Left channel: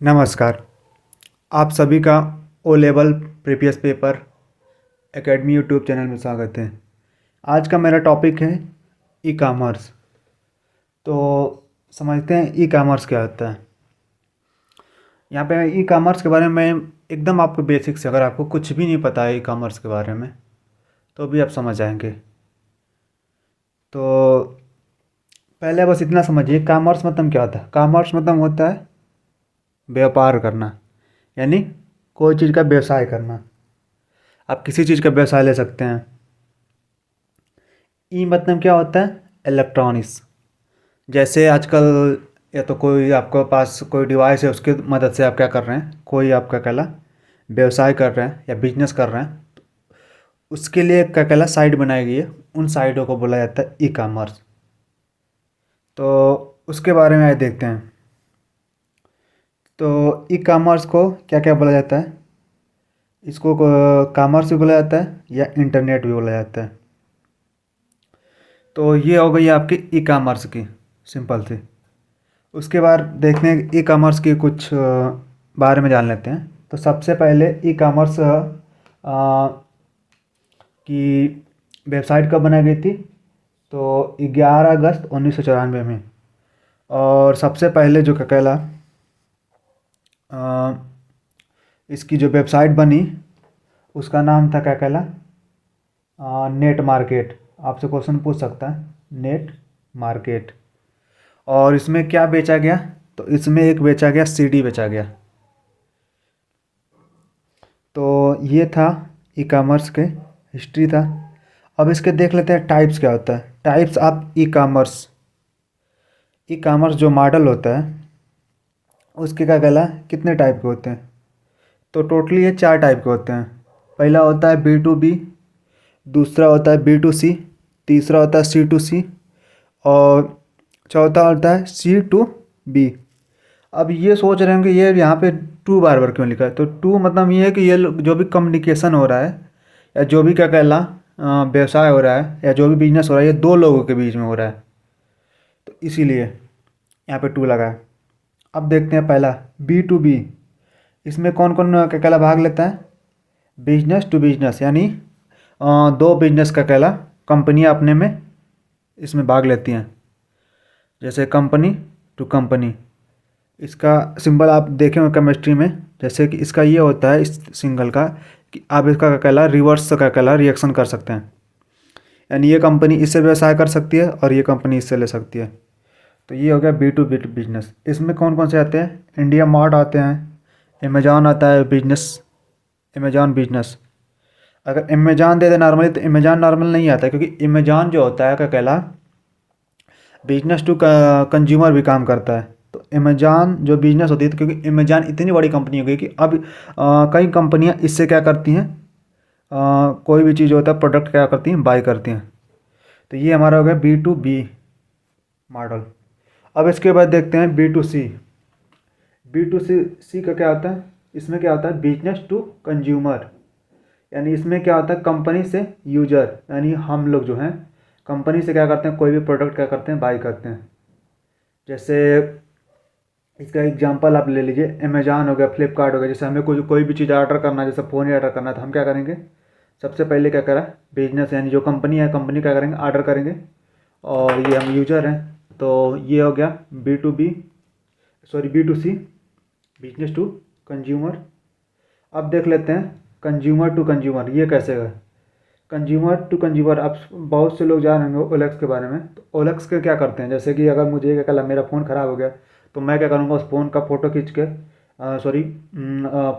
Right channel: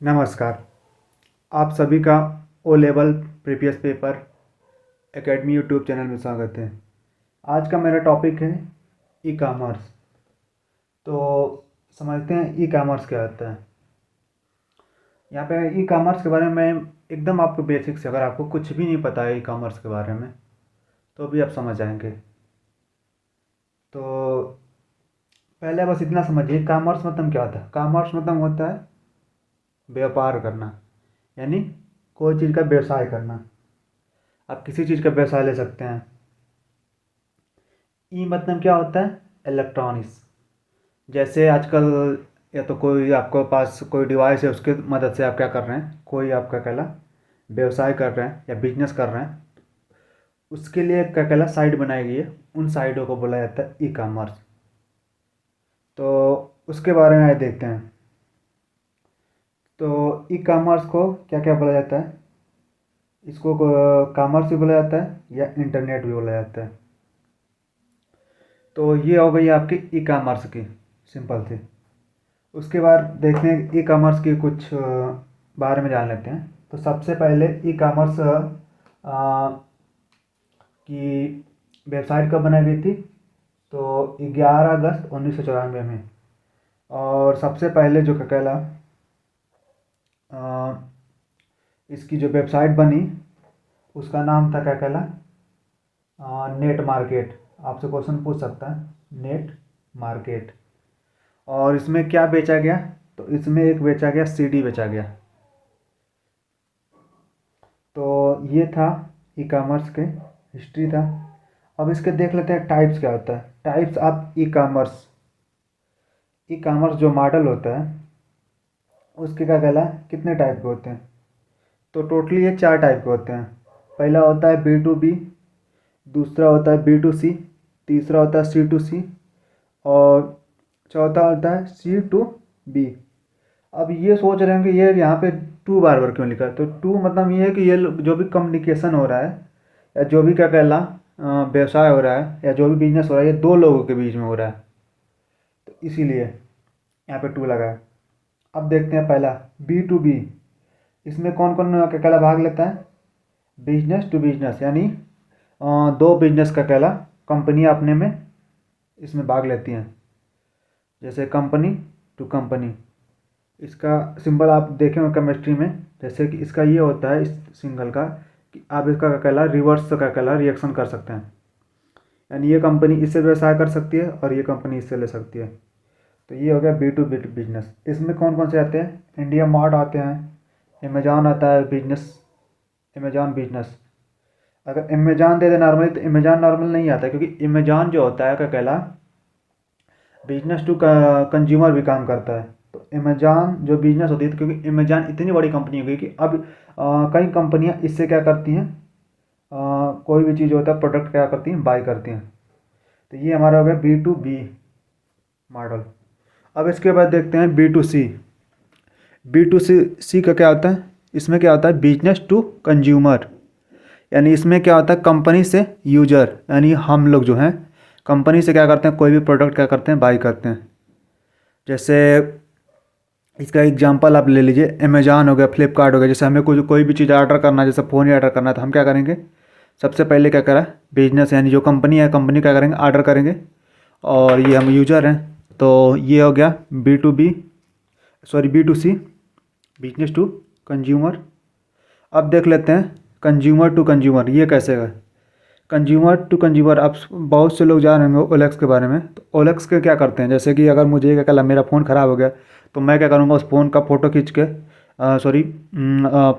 नमस्कार। आप सभी का O level previous paper academy YouTube channel में स्वागत है। आज का मेरा टॉपिक है ई कॉमर्स। तो समझते हैं ई कॉमर्स क्या होता है। यहाँ पे ई कॉमर्स के बारे में एकदम आपको बेसिक से, अगर आपको कुछ भी नहीं पता है ई कॉमर्स के बारे में तो भी आप समझ जाएंगे। तो पहले बस इतना समझिए, कॉमर्स मतलब क्या होता है। कॉमर्स मतलब होता है व्यापार करना, यानी कोई चीज़ का व्यवसाय करना। आप किसी चीज़ का व्यवसाय ले सकते हैं। ई मतलब क्या होता है, इलेक्ट्रॉनिक्स। जैसे आजकल या तो कोई आपके पास कोई डिवाइस है, उसकी मदद से आप क्या कर रहे हैं, कोई आपका कहला व्यवसाय कर रहे हैं या बिजनेस कर रहे हैं, उसके लिए क्या कहला साइट बनाई गई है। उन साइटों को बोला जाता है ई कॉमर्स। तो उसके बारे में आज देखते हैं। तो ई कॉमर्स को क्या क्या बोला जाता है, इसको कॉमर्स भी बोला जाता है या इंटरनेट भी बोला जाता है। तो ये हो गई आपकी ई कॉमर्स की सिंपल सी। उसके बाद देखते हैं ई कॉमर्स की कुछ बारे में जान लेते हैं। तो सबसे पहले ई कॉमर्स की वेबसाइट कब बनाई गई थी, तो 11 अगस्त 1994 में। और सबसे पहले जो क्या कहला अ, इसकी जो वेबसाइट बनी उसका नाम था क्या कहला नेट मार्केट। आपसे क्वेश्चन पूछ सकता है, नेट मार्केट। और इसमें क्या बेचा गया, तो इसमें एक बेचा गया सीडी बेचा गया। तो ये था ई कॉमर्स के हिस्ट्री था। अब इसके देख लेते हैं टाइप्स क्या होता है। Types of e commerce. E commerce जो मॉडल होता है उसके क्या कहला कितने टाइप के होते हैं, तो टोटली ये 4 टाइप के होते हैं। पहला होता है बी टू बी, दूसरा होता है बी टू सी, तीसरा होता है सी टू सी, और चौथा होता है सी टू बी। अब ये सोच रहे हैं कि ये यहाँ पे टू बार बार क्यों लिखा है, तो टू मतलब ये है कि ये जो भी कम्युनिकेशन हो रहा है या जो भी क्या कहला व्यवसाय हो रहा है या जो भी बिजनेस हो रहा है, ये दो लोगों के बीच में हो रहा है, तो इसीलिए यहाँ पे टू लगा है। अब देखते हैं पहला बी टू बी। इसमें कौन कौन क्या कहला भाग लेता है, बिजनेस टू बिजनेस, यानी दो बिजनेस का कहला कंपनियाँ अपने में इसमें भाग लेती हैं। जैसे कंपनी टू कंपनी, इसका सिंबल आप देखें होंगे केमिस्ट्री में। जैसे कि इसका ये होता है इस सिंगल का कि आप इसका क्या कहला रिवर्स का कहला रिएक्शन कर सकते हैं, यानी ये कंपनी इससे व्यवसाय कर सकती है और ये कंपनी इससे ले सकती है। तो ये हो गया बी टू बिजनेस। इसमें कौन कौन से आते हैं, इंडिया मार्ट आते हैं, अमेजॉन आता है बिजनेस, अमेजॉन बिजनेस। अगर अमेजॉन दे दे नॉर्मली तो अमेजॉन नॉर्मल नहीं आता है, क्योंकि अमेजॉन जो होता है क्या कहला बिजनेस टू कंज्यूमर भी काम करता है। तो अमेजॉन जो बिजनेस होती है, तो क्योंकि अमेजॉन इतनी बड़ी कंपनी हो गई कि अब कई कंपनियां इससे क्या करती हैं, कोई भी चीज़ होता है प्रोडक्ट क्या करती हैं बाई करती हैं। तो ये हमारा हो गया बी टू बी मॉडल। अब इसके बाद देखते हैं B to C. B to C C का क्या होता है, इसमें क्या होता है बिजनेस टू कंज्यूमर, यानी इसमें क्या होता है कंपनी से यूजर, यानी हम लोग जो हैं कंपनी से क्या करते हैं कोई भी प्रोडक्ट क्या करते हैं बाई करते हैं। जैसे इसका एग्जांपल आप ले लीजिए, अमेजॉन हो गया, फ्लिपकार्ट हो गया। जैसे हमें कोई भी चीज़ ऑर्डर करना है, जैसे फ़ोन ही ऑर्डर करना है, तो हम क्या करेंगे, सबसे पहले क्या करा बिजनेस यानी जो कंपनी है, कंपनी क्या करेंगे ऑर्डर करेंगे, और ये हम यूजर हैं। तो ये हो गया B to B, sorry B to C, business to consumer. अब देख लेते हैं कंज्यूमर टू कंज्यूमर, ये कैसे है। कंज्यूमर टू कंज्यूमर, आप बहुत से लोग जान रहे होंगे ओलेक्स के बारे में। तो ओलेक्स के क्या करते हैं, जैसे कि अगर मुझे क्या कल मेरा फ़ोन ख़राब हो गया, तो मैं क्या करूँगा उस फ़ोन का फ़ोटो खींच के सॉरी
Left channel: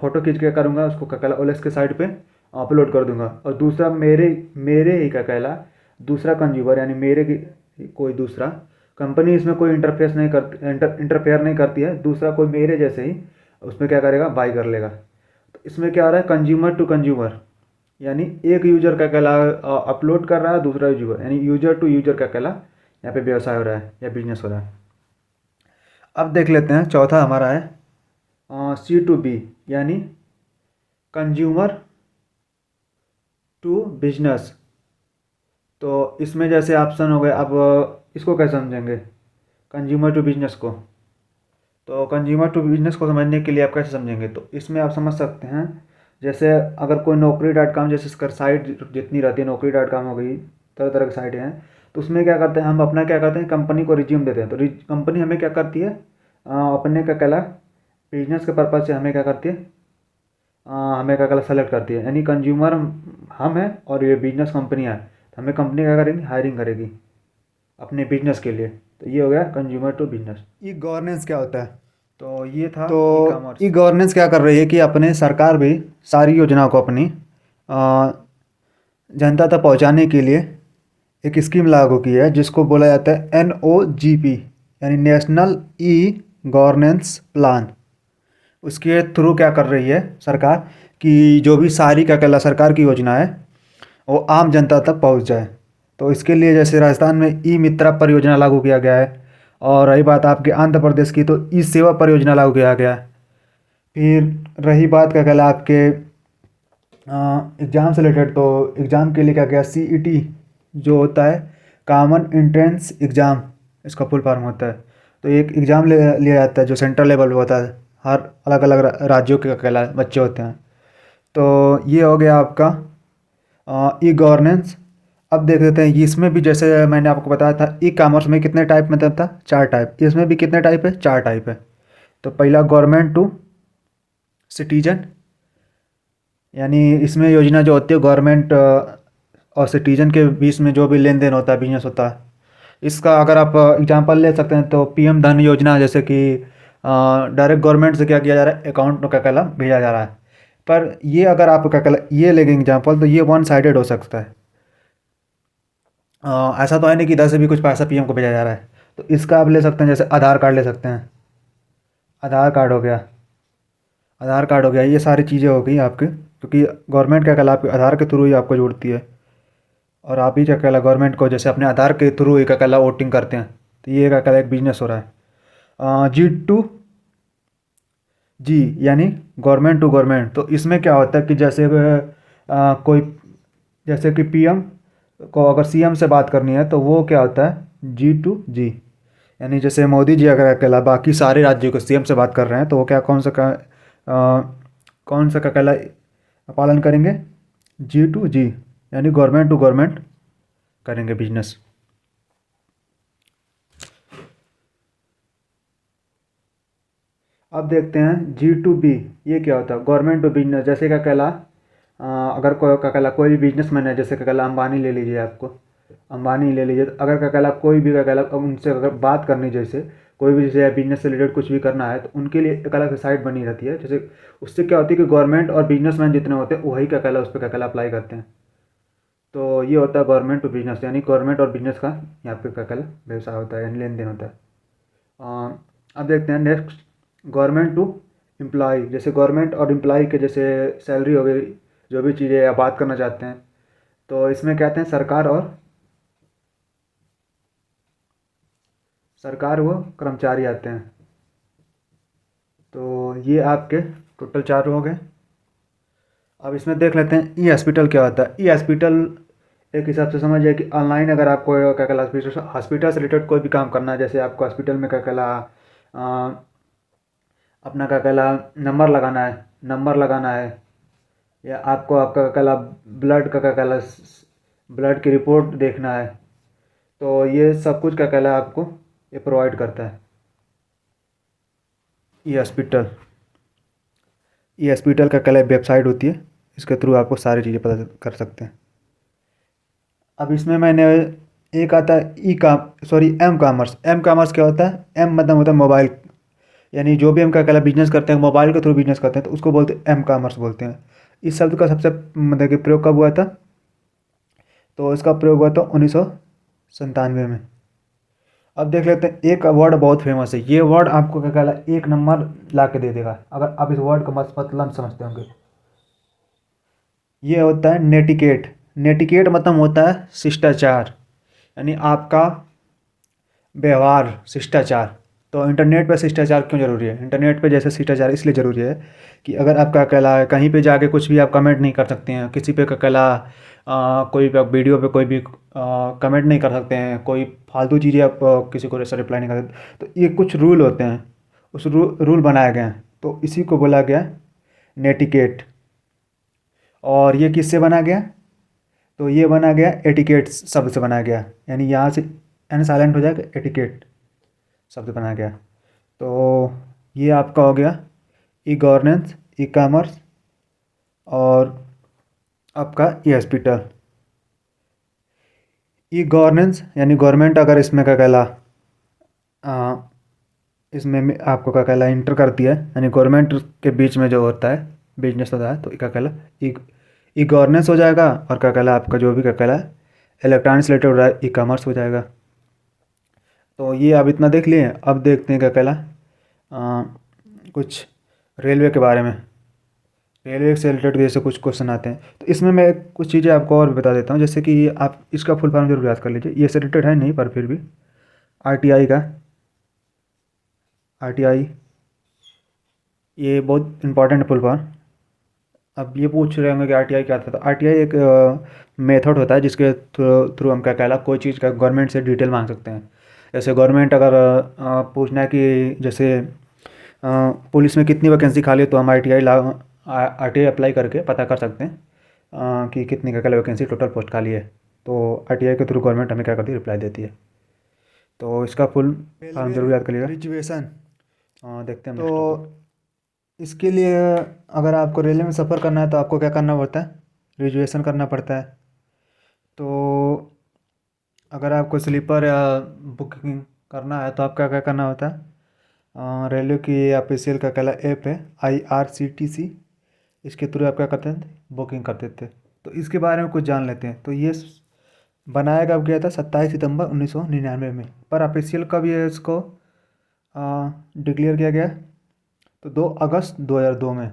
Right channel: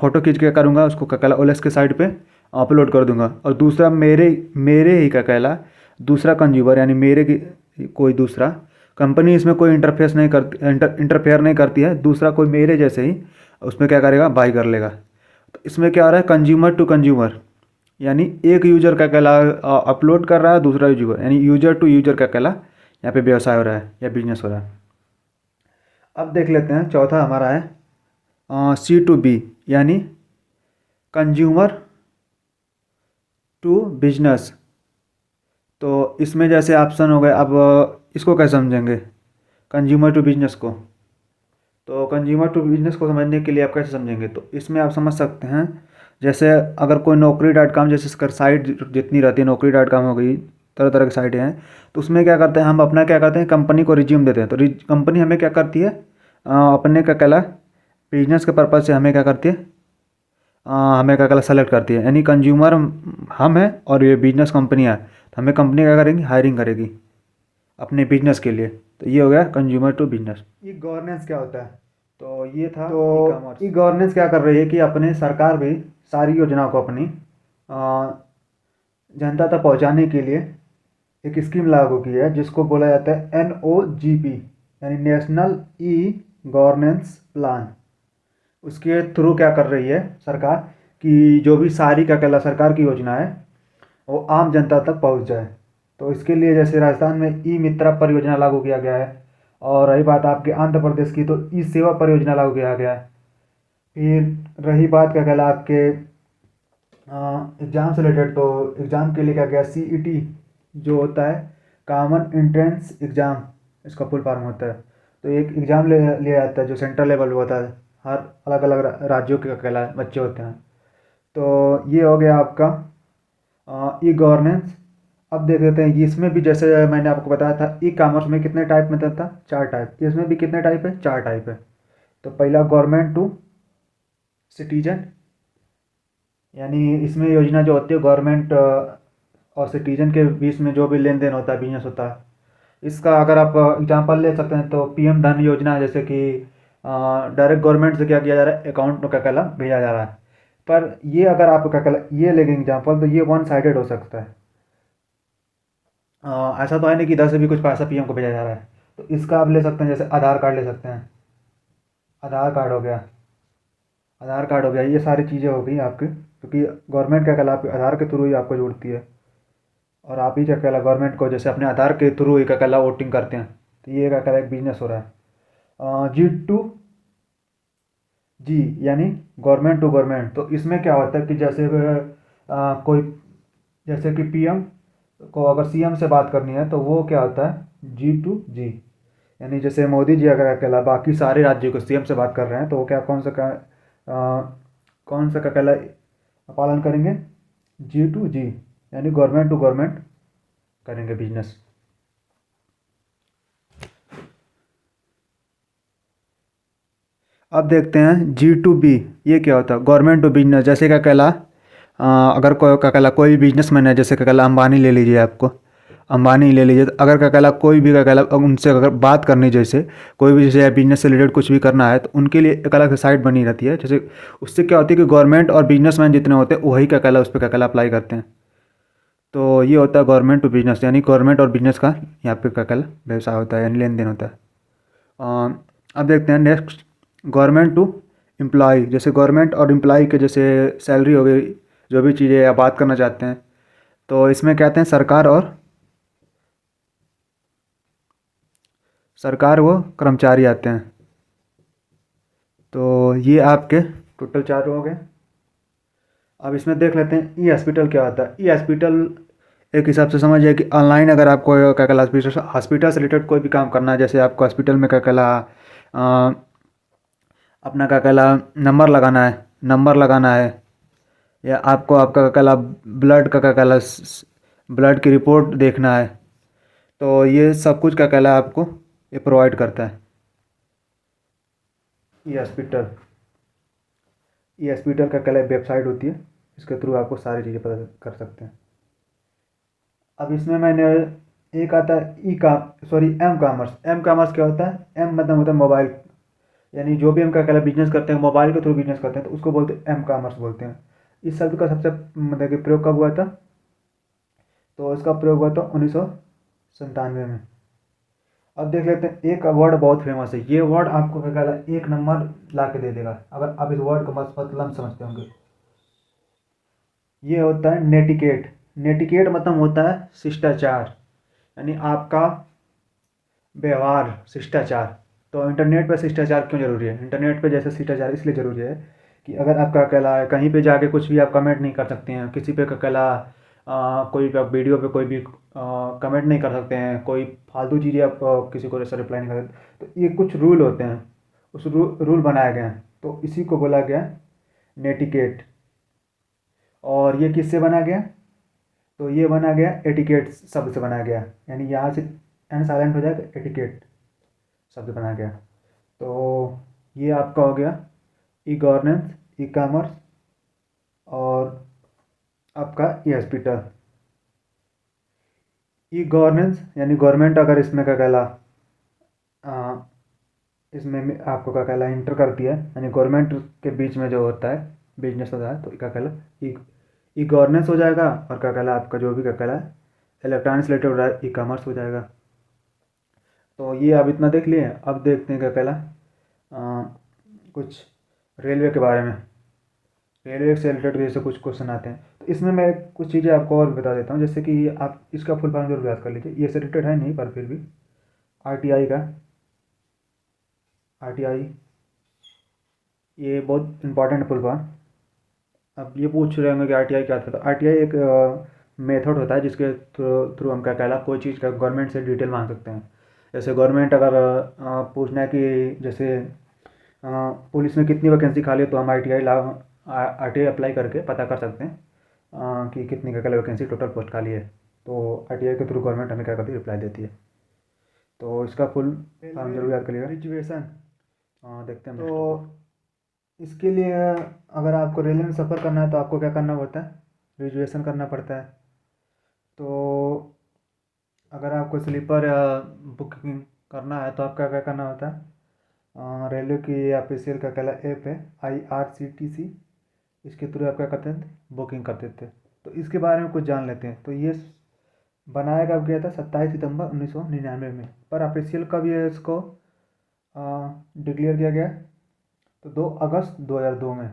फ़ोटो खींच के करूँगा, उसको क्या कहला ओलेक्स के साइट पे अपलोड कर दूंगा। और दूसरा मेरे मेरे ही क्या कहला दूसरा कंज्यूमर, यानी मेरे की कोई दूसरा कंपनी इसमें कोई इंटरफेस नहीं करती, इंटरफेयर नहीं करती है, दूसरा कोई मेरे जैसे ही उसमें क्या करेगा बाई कर लेगा। तो इसमें क्या आ रहा है कंज्यूमर टू कंज्यूमर, यानी एक यूजर का कहला अपलोड कर रहा है, दूसरा यूजर यानी यूजर टू यूजर का कहला यहाँ पे व्यवसाय हो रहा है या बिजनेस हो रहा है। अब देख लेते हैं चौथा हमारा है सी टू बी, यानी कंज्यूमर टू बिजनेस। तो इसमें जैसे ऑप्शन हो गए, अब इसको कैसे समझेंगे कंज्यूमर टू बिजनेस को। तो कंज्यूमर टू बिजनेस को समझने के लिए आप कैसे समझेंगे, तो इसमें आप समझ सकते हैं जैसे अगर कोई Naukri.com जैसे इसका साइट जितनी रहती है, Naukri.com हो गई, तरह तरह की साइटें हैं, तो उसमें क्या करते हैं हम अपना क्या करते हैं कंपनी को रिज्यूम देते हैं, तो कंपनी हमें क्या करती है अपने क्या कहला बिजनेस के पर्पज़ से हमें क्या करती है हमें क्या कहला सेलेक्ट करती है, यानी कंज्यूमर हम हैं और ये बिजनेस कंपनियाँ हैं, तो हमें कंपनी क्या करेंगी हायरिंग करेगी अपने बिजनेस के लिए। तो ये हो गया consumer to business. E governance क्या होता है, तो ये था तो ई ई कॉमर्स। गवर्नेंस क्या कर रही है कि अपने सरकार भी सारी योजनाओं को अपनी जनता तक पहुंचाने के लिए एक स्कीम लागू की है जिसको बोला जाता है NOGP, यानी नेशनल ई गवर्नेंस प्लान। उसके थ्रू क्या कर रही है सरकार कि जो भी सारी क्या कहला सरकार की योजना है वो आम जनता तक पहुंच जाए। तो इसके लिए जैसे राजस्थान में ई मित्रा परियोजना लागू किया गया है, और रही बात आपके आंध्र प्रदेश की तो ई सेवा परियोजना लागू किया गया है। फिर रही बात क्या कहला आपके एग्ज़ाम से रिलेटेड, तो एग्ज़ाम के लिए क्या गया CET जो होता है कॉमन एंट्रेंस एग्ज़ाम, इसका फुल फॉर्म होता है। तो एक एग्ज़ाम लिया जाता है जो सेंट्रल लेवल पे होता है, हर अलग अलग राज्यों के क्या कहला बच्चे होते हैं। तो ये हो गया आपका ई गवर्नेंस। अब देख लेते हैं इसमें भी जैसे मैंने आपको बताया था ई कॉमर्स में कितने टाइप में था, 4 टाइप, इसमें भी कितने टाइप है, 4 टाइप है। तो पहला गवर्नमेंट टू सिटीजन, यानी इसमें योजना जो होती है गवर्नमेंट और सिटीजन के बीच में जो भी लेन देन होता है बिजनेस होता है, इसका अगर आप एग्जांपल ले सकते हैं तो PM धन योजना, जैसे कि डायरेक्ट गवर्नमेंट से क्या किया जा रहा है अकाउंट में क्या कहला भेजा जा रहा है। पर ये अगर आप क्या कहला ये लेंगे एग्जांपल तो ये वन साइडेड हो सकता है। ऐसा तो है नहीं कि इधर से भी कुछ पैसा PM को भेजा जा रहा है। तो इसका आप ले सकते हैं, जैसे आधार कार्ड ले सकते हैं, आधार कार्ड हो गया, आधार कार्ड हो गया, ये सारी चीज़ें हो गई आपके, क्योंकि गवर्नमेंट क्या कहला आपके आधार के थ्रू ही आपको जोड़ती है, और आप ही क्या कहला गवर्नमेंट को जैसे अपने आधार के थ्रू ही क्या कहला वोटिंग करते हैं। तो ये क्या कहला एक बिजनेस हो रहा है। G2G यानी गवर्नमेंट टू गवर्नमेंट। तो इसमें क्या होता है कि जैसे कोई जैसे कि PM को अगर CM से बात करनी है तो वो क्या होता है G2G, यानी जैसे मोदी जी अगर अकेला बाकी सारे राज्यों को CM से बात कर रहे हैं तो वो क्या कौन सा का कहला पालन करेंगे G2G, यानी गवर्नमेंट टू गवर्नमेंट करेंगे बिजनेस। अब देखते हैं G2B, ये क्या होता है गवर्नमेंट टू बिजनेस। जैसे क्या कहला अगर कोई क्या कहला कोई भी बिजनेसमैन है, जैसे क्या कहला अंबानी ले लीजिए, आपको अंबानी ले लीजिए, तो अगर क्या कहला कोई भी क्या कहला उनसे अगर बात करनी, जैसे कोई भी जैसे बिजनेस से रिलेटेड कुछ भी करना है तो उनके लिए एक अलग साइट बनी रहती है। जैसे उससे क्या होती है कि गवर्नमेंट और बिजनेसमैन जितने होते हैं वही क्या कहला उस पर क्या कहला अप्लाई करते हैं। तो ये होता है गवर्नमेंट टू बिजनेस, यानी गवर्नमेंट और बिजनेस का यहाँ पे क्या कहला व्यवसाय होता है, यानी लेन देन होता है। अब देखते हैं नेक्स्ट गवर्नमेंट टू एम्प्लॉय। जैसे गवर्नमेंट और एम्प्लॉय के जैसे सैलरी हो गई, जो भी चीज़ें आप बात करना चाहते हैं, तो इसमें कहते हैं सरकार वो कर्मचारी आते हैं। तो ये आपके टोटल 4 हो गए। अब इसमें देख लेते हैं ई हॉस्पिटल क्या होता है। ई हॉस्पिटल एक हिसाब से समझिए कि ऑनलाइन अगर आपको क्या कहला हॉस्पिटल से रिलेटेड कोई भी काम करना है, जैसे आपको हॉस्पिटल में क्या कहला अपना क्या कहला नंबर लगाना है, या आपको आपका क्या कहला ब्लड का क्या कहला ब्लड की रिपोर्ट देखना है, तो ये सब कुछ क्या कहला आपको ये प्रोवाइड करता है ई हॉस्पिटल। ई हॉस्पिटल का कहला वेबसाइट होती है, इसके थ्रू आपको सारी चीज़ें पता कर सकते हैं। अब इसमें मैंने एक आता है एम कॉमर्स। एम कॉमर्स क्या होता है, एम मतलब होता है मोबाइल, यानी जो भी हम क्या कहला बिजनेस करते हैं मोबाइल के थ्रू बिजनेस करते हैं तो उसको बोलते हैं एम कॉमर्स बोलते हैं। इस शब्द का सबसे मतलब कि प्रयोग कब हुआ था, तो इसका प्रयोग हुआ था 1997 में। अब देख लेते हैं एक वर्ड बहुत फेमस है, ये वर्ड आपको क्या कहला 1 नंबर ला के दे देगा अगर आप इस वर्ड का मतलब समझते होंगे। ये होता है नेटिकेट। नेटिकेट मतलब होता है शिष्टाचार, यानी आपका व्यवहार, शिष्टाचार। तो इंटरनेट पे शिष्टाचार क्यों ज़रूरी है, इंटरनेट पे जैसे शिष्टाचार इसलिए ज़रूरी है कि अगर आपका अकेला कहीं पे जाके कुछ भी आप कमेंट नहीं कर सकते हैं, किसी पे अकेला कोई भी आप वीडियो पे कोई भी कमेंट नहीं कर सकते हैं, कोई फालतू चीज़ें आप किसी को ऐसा रिप्लाई नहीं कर सकते, तो ये कुछ रूल होते हैं उस रूल बनाए गए हैं, तो इसी को बोला गया नेटिकेट। और ये किससे बना गया? तो ये बना गया एटिकेट शब्द से बना गया, यानी यहाँ से एन साइलेंट हो जाएगा, एटिकेट शब्द बना गया। तो ये आपका हो गया ई गवर्नेंस, ई कॉमर्स और आपका ई हॉस्पिटल। ई गवर्नेंस यानी गवर्नमेंट अगर इसमें क्या कहला इसमें आपको क्या कहला इंटर करती है, यानी गवर्नमेंट के बीच में जो होता है बिजनेस होता है, तो क्या कहला ई ई गवर्नेंस हो जाएगा। और क्या कहला आपका जो भी क्या कहला इलेक्ट्रॉनिक्स से रिलेटेड हो रहा है, ई कॉमर्स हो जाएगा। तो ये आप इतना देख लिए। अब देखते हैं क्या कहला कुछ रेलवे के बारे में। रेलवे से रिलेटेड जैसे कुछ क्वेश्चन आते हैं, तो इसमें मैं कुछ चीज़ें आपको और बता देता हूँ, जैसे कि आप इसका फुल फॉर्म जरूर याद कर लीजिए। ये से रिलेटेड है नहीं, पर फिर भी आरटीआई का, आरटीआई ये बहुत इंपॉर्टेंट फुल फॉर्म। अब ये पूछ रहे होंगे कि आरटीआई क्या था, तो आरटीआई एक मेथड होता है जिसके थ्रू थ्रू हम क्या कहला कोई चीज़ का गवर्नमेंट से डिटेल मांग सकते हैं। जैसे गवर्नमेंट अगर पूछना है कि जैसे पुलिस में कितनी वैकेंसी खाली है, तो हम आरटीआई अप्लाई करके पता कर सकते हैं कि कितनी क्या वैकेंसी टोटल पोस्ट खाली है। तो आरटीआई के थ्रू गवर्नमेंट हमें क्या करती है, रिप्लाई देती है। तो इसका फुल फॉर्म जरूर याद करिएगा। ग्रेजुएशन देखते हैं हम। तो इसके लिए अगर आपको रेलवे में सफ़र करना है तो आपको क्या करना पड़ता है, ग्रेजुएशन करना पड़ता है। तो अगर आपको स्लीपर या बुकिंग करना है तो आपका क्या करना होता है, रेलवे की ऑफिशियल का कहला ऐप है IRCTC, इसके थ्रू आप क्या करते हैं, बुकिंग करते थे। तो इसके बारे में कुछ जान लेते हैं। तो ये बनाया कब गया था, 27 सितंबर 1999 में। पर ऑफिशियल कब ये इसको डिक्लेयर किया गया, तो 2 अगस्त 2002 में,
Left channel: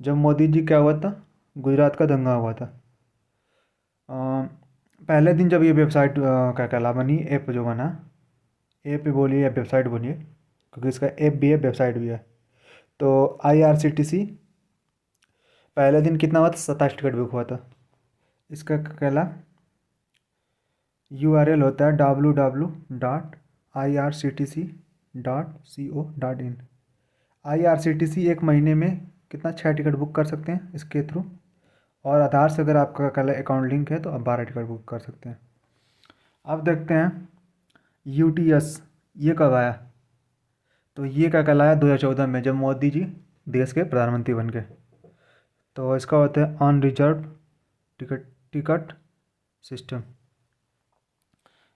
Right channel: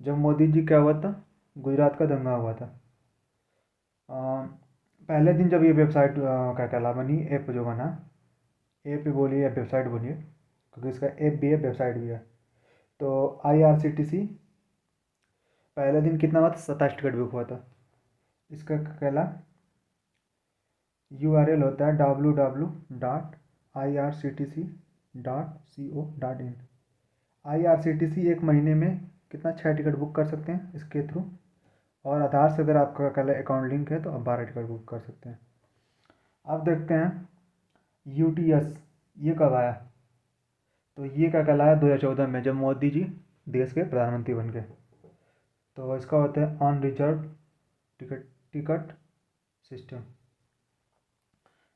जब मोदी जी क्या हुआ था, गुजरात का दंगा हुआ था। अ, पहले दिन जब ये वेबसाइट क्या कहला बनी, ऐप जो बना, ऐप बोलिए या वेबसाइट बोलिए, क्योंकि इसका ऐप भी है वेबसाइट भी है। तो IRCTC पहले दिन कितना हुआ था, 27 टिकट बुक हुआ था। इसका क्या कहला URL होता है www.irctc.co.in। IRCTC एक महीने में कितना 6 टिकट बुक कर सकते हैं इसके थ्रू। और आधार से अगर आपका कल अकाउंट लिंक है तो आप 12 टिकट बुक कर सकते हैं। अब देखते हैं UTS ये कब आया। तो ये क्या कहलाया 2014 में, जब मोदी जी देश के प्रधानमंत्री बन गए। तो इसका होता है on reserve ticket ticket system.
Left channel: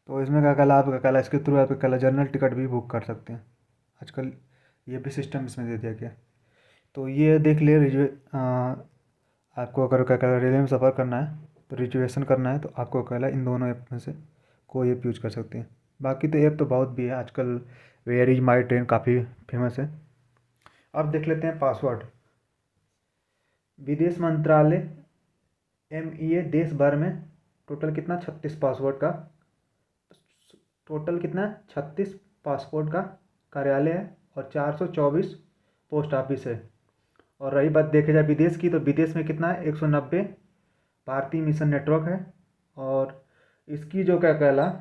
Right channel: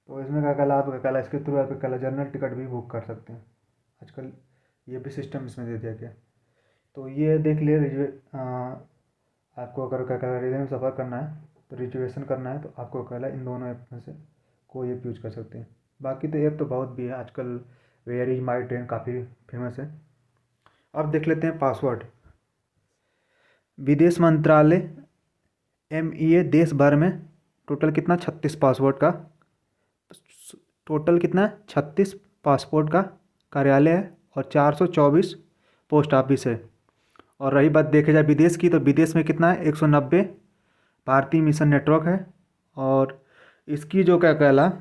तो इसमें क्या कहला आप क्या कहला इसके थ्रू आप क्या कहला जनरल टिकट भी बुक कर सकते हैं आजकल, ये भी सिस्टम इसमें दे दिया गया। तो ये देख लिए आपको अगर क्या कहला रेलवे में सफ़र करना है तो रिजर्वेशन करना है, तो आपको कहला इन दोनों ऐप में से कोई ऐप यूज कर सकते हैं। बाकी तो ऐप तो बहुत भी है आजकल, वेयर इज माई ट्रेन काफ़ी फेमस है। अब देख लेते हैं पासवर्ड। विदेश मंत्रालय MEA देश भर में टोटल कितना 36 पासपोर्ट का, टोटल कितना 36 पासपोर्ट का कार्यालय है और 424 पोस्ट ऑफिस है। और रही बात देखे जाए विदेश की, तो विदेश में कितना है 190 भारतीय मिशन नेटवर्क है। और इसकी जो क्या कहला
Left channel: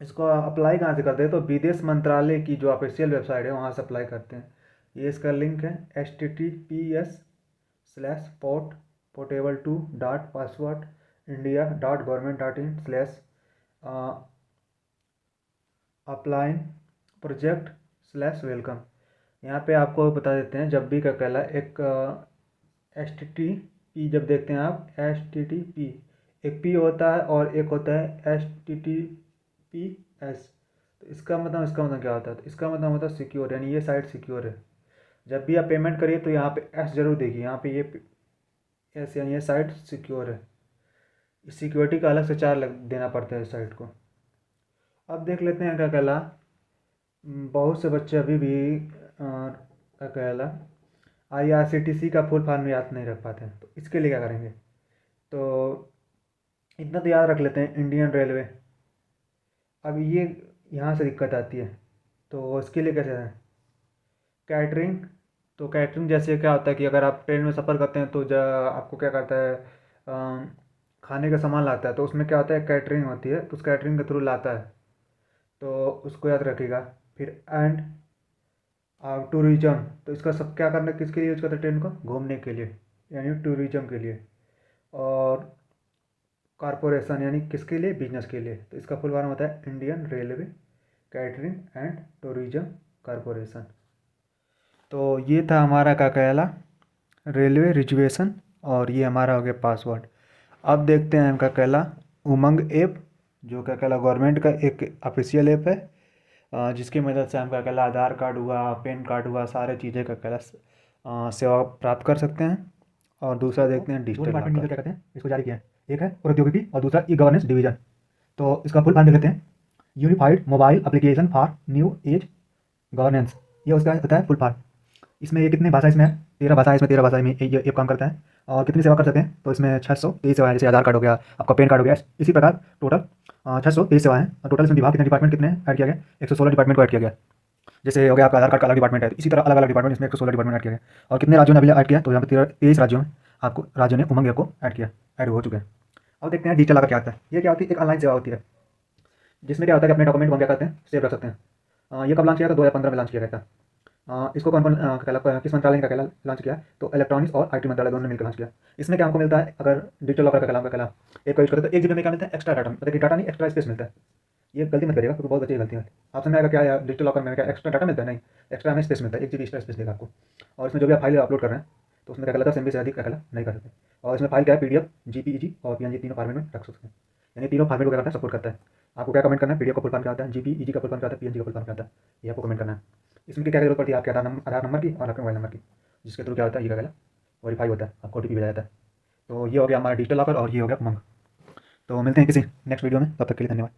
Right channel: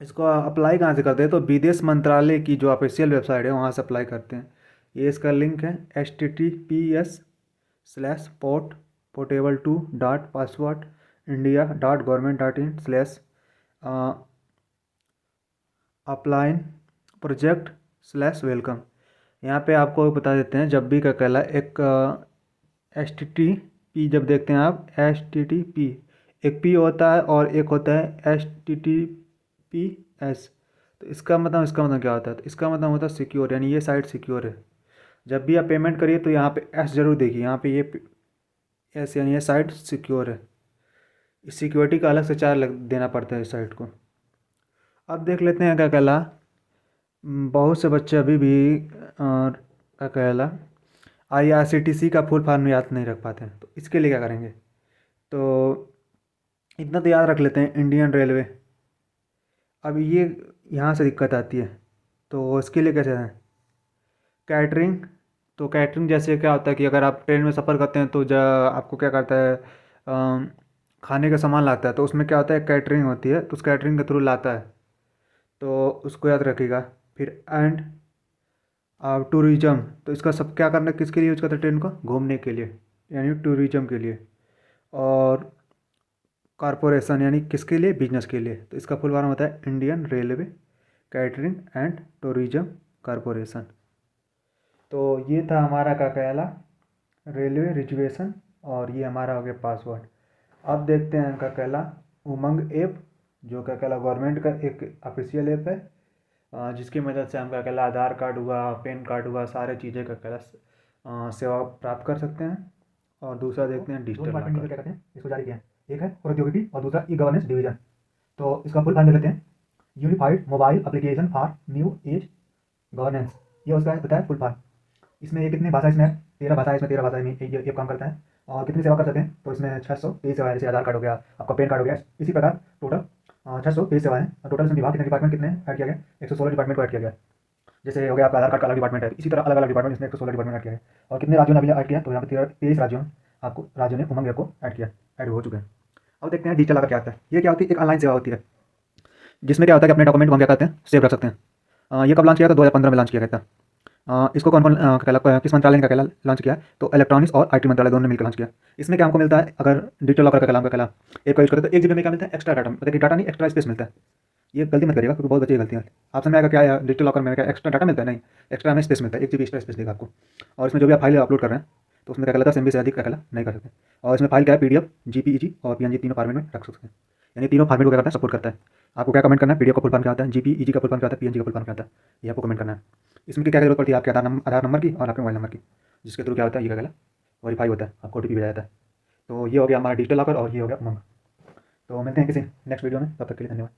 इसको अप्लाई कहाँ से करते हैं, तो विदेश मंत्रालय की जो ऑफिशियल वेबसाइट है वहाँ से अप्लाई करते हैं। ये इसका लिंक है https://portable2.passport.india.government.in/, अपलाइन प्रोजेक्ट/वेलकम। यहाँ पे आपको बता देते हैं, जब भी क्या कहला एक HTTP जब देखते हैं आप HTTP, एक P होता है और एक होता है HTTPS। तो इसका मतलब क्या होता है, तो इसका मतलब होता है सिक्योर, यानी ये साइट सिक्योर है। जब भी आप पेमेंट करिए तो यहाँ पे S जरूर देखिए, यहाँ पे ये S यानी ये साइट सिक्योर है। इस सिक्योरिटी का अलग से चार्ज देना पड़ता है इस साइट को। अब देख लेते हैं क्या कहला बहुत से बच्चे अभी भी क्या कहला IRCTC का फुल फॉर्म याद नहीं रख पाते हैं, तो इसके लिए क्या करेंगे, तो इतना तो याद रख लेते हैं इंडियन रेलवे। अब ये यहाँ से दिक्कत आती है, तो इसके लिए कैसे है कैटरिंग। तो कैटरिंग जैसे क्या होता है कि अगर आप ट्रेन में सफ़र करते हैं तो आपको क्या करता है खाने का सामान लाता है, तो उसमें क्या होता है कैटरिंग होती है, तो उस कैटरिंग के थ्रू लाता है, तो उसको याद रखिएगा। फिर एंड टूरिज्म, तो इसका सब क्या करना, किसके लिए यूज करते हैं ट्रेन को? घूमने के लिए, यानी टूरिज्म के लिए। और कॉरपोरेशन यानी किसके लिए? बिजनेस के लिए। तो इसका फुल फॉर्म होता है Indian railway catering and tourism corporation. तो ये था हमारा क्या कहला, रेलवे रिजर्वेशन। और ये हमारा हो गया पासवर्ड। अब देखते हैं हम क्या कहला उमंग ऐप, जो क्या कहला गवर्नमेंट का एक ऑफिशियल ऐप है, जिसकी मदद से हम क्या कहला आधार कार्ड हुआ, पैन कार्ड हुआ, सारे चीज़ें का कहला सेवा प्राप्त कर सकते हैं। और दूसरा देखते हैं दो डिजिटल डिपार्टमेंट मिलकर लॉकर। क्या कहते हैं इसको जारी किया है। एक है प्रौद्योगिकी और दूसरा ई गवर्नेंस डिवीजन। तो इसका फुल फॉर्म देख लेते हैं, unified mobile application for new age governance. ये उसका होता है फुल फॉर्म। इसमें ये कितने भाषा इसमें है? 13 भाषा है इसमें, 13 भाषा में ये काम करता है। और कितनी सेवा कर सकते हैं? तो इसमें 623 सेवाएं, जैसे आधार कार्ड हो गया, आपका पैन कार्ड हो गया, इसी प्रकार टोटल 623 सेवाएं हैं। और टोटल इसमें विभाग कितने डिपार्टमेंट कितने ऐड किया गया? 116 डिपार्टमेंट को ऐड किया गया। जैसे हो गया आपका आधार कार्ड का अलग डिपार्टमेंट है, इसी तरह अलग अलग डिपार्टमेंट इसमें 116 डिपार्टमेंट ऐड किया गया। और कितने राज्यों ने अभी ऐड किया? तो यहाँ पे 23 राज्यों में आपको राज्यों ने उमंग ऐप को ऐड किया, ऐड हो चुके हैं। अब देखते हैं डिजिटल लॉकर क्या होता है। ये क्या होती है? एक ऑनलाइन सेवा होती है, जिसमें क्या होता है कि अपने डॉक्यूमेंट को हम क्या करते हैं, सेव रख सकते हैं। ये कब लॉन्च किया था? 2015 में लॉन्च किया गया था। इसको कौन कौन किस मंत्रालय ने क्या लॉन्च किया? तो इलेक्ट्रॉनिक्स और आईटी मंत्रालय दोनों ने मिलकर लॉन्च किया। इसमें क्या हमको मिलता है, अगर डिजिटल लॉकर का क्या एक को यूज करते हैं तो एक जीबी में क्या मिलता है? एक्स्ट्रा डाटा, मतलब कि डाटा नहीं, एक्स्ट्रा स्पेस मिलता है। ये गलती मत करिएगा, क्योंकि बहुत बच्चे गलती है। आप समझ में आएगा क्या है डिजिटल लॉकर में, क्या एक्स्ट्रा डाटा मिलता है? नहीं, एक्स्ट्रा हमें स्पेस मिलता है, 1 जीबी एक्स्ट्रा स्पेस देगा आपको। और इसमें जो भी आप फाइल अपलोड कर रहे हैं, तो उसमें क्या कहलाता है 10 MB से अधिक क्या कहला नहीं कर सकते। और इसमें फाइल क्या है, पीडीएफ, जीपीईजी और पीएनजी तीनों फॉर्मेट में रख सकते हैं। यानी तीनों फॉर्मेट को क्या करता है, सपोर्ट करता है। आपको क्या कमेंट करना है? पीडीएफ का फुल फॉर्म क्या होता है, जीपीईजी का फुल फॉर्म क्या होता है, पीएनजी का फुल फॉर्म क्या होता है, ये आपको कमेंट करना है। इसमें क्या जरूरत पड़ती है? आपके आधार नंबर की और आपके मोबाइल नंबर की, जिसके थ्रू क्या होता है, ये क्या कहला वेरीफाई होता है, आपको ओटीपी भेजा जाता है। तो ये हो गया हमारा डिजिटल लॉकर और ये हो गया उमंग। तो मिलते हैं किसी नेक्स्ट वीडियो में, तब तक के लिए धन्यवाद।